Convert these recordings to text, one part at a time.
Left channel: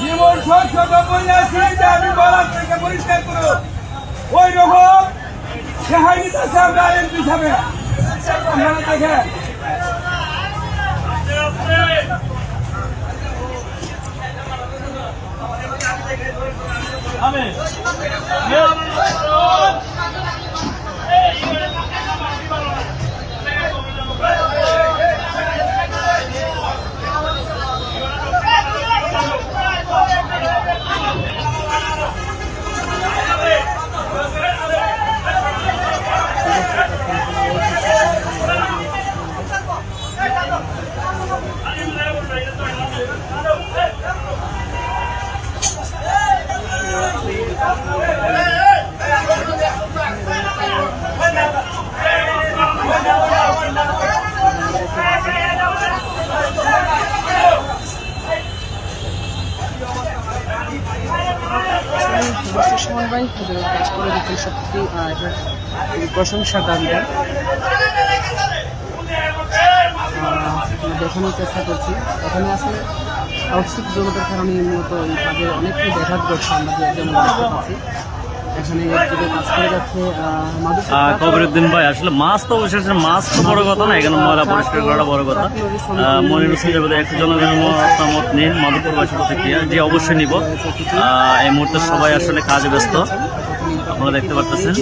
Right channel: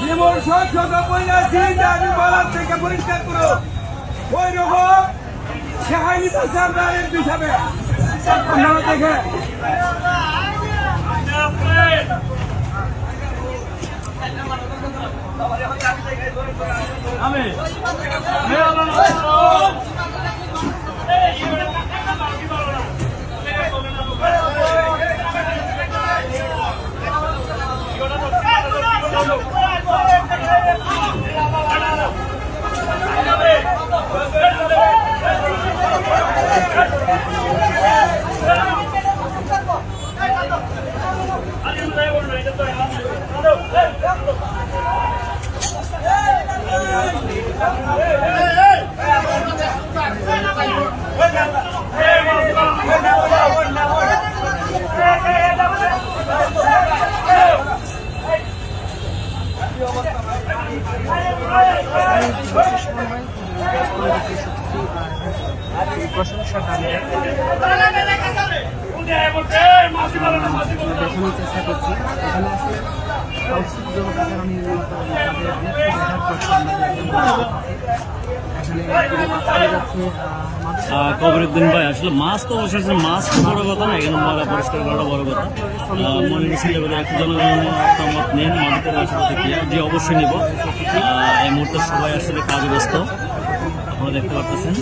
জীবন সচেতন আছি যে আমি বলার থেকে পরিষ্কার করো ওই রকম সেহাই নিতেছে আমরা এমপি হিসাবে দেখে আমি প্রশংসা দাবিতে দেখানোর চেষ্টা করছি। এখানে আছে দর্শক জগতের আমি মূলত তাদের অনেকটা দেখা করছি। কবিরউদ্দিন ভাই আসলে মাছ তো বসেছে, মাছ তো বড় কথা না, এখানে ময়লা পরিষ্কার করাটা বড় কথা। মনির হোসেন যাবে একটু জনগণের মতামত নিন, মাধবপুরবাসী প্রতিক্রিয়া যে অবশ্যই নিব। এই মুহূর্তে সবাই আসলে কাজে ব্যস্ত, আপনারা দেখতে পারতেছেন।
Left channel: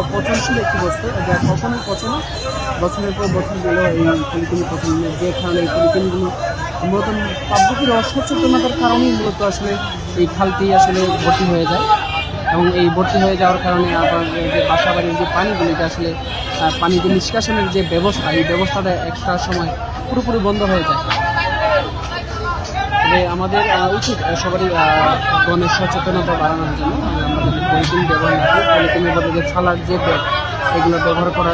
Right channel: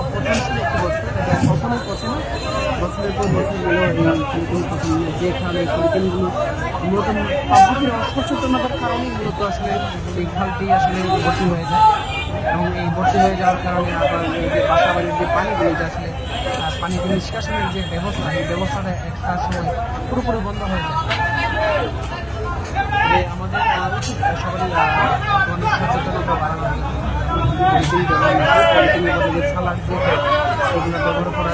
অপচনশীল একটি বস্তু, এটা সবসময় পচনে বছরের পর বছর গেলে এই পলিথিন পচন, যে কারণে এই পলিথিনগুলো নতুন পদ্ধতির অসচেতনতার কারণেই মূলত আসলে এই খালটি আসলে ভর্তি হয়ে যায়। এবং এই ভর্তি হয়ে যাওয়ার কারণে আবার এই যে বাসাবাড়ির যে পানিগুলিতে আসলে পানিতে নিষ্কাশনের যে ব্যবস্থা, এই ব্যবস্থাটা একটা সময় পুরোপুরি বন্ধ হয়ে যায়। আমাদের উচিত সবারই গণের সচেতনতা বাড়ানোর জন্য পলিথিন ব্যবহার, পলিথিনের বদলে ছালার যে এগুলো ব্যবহার করা।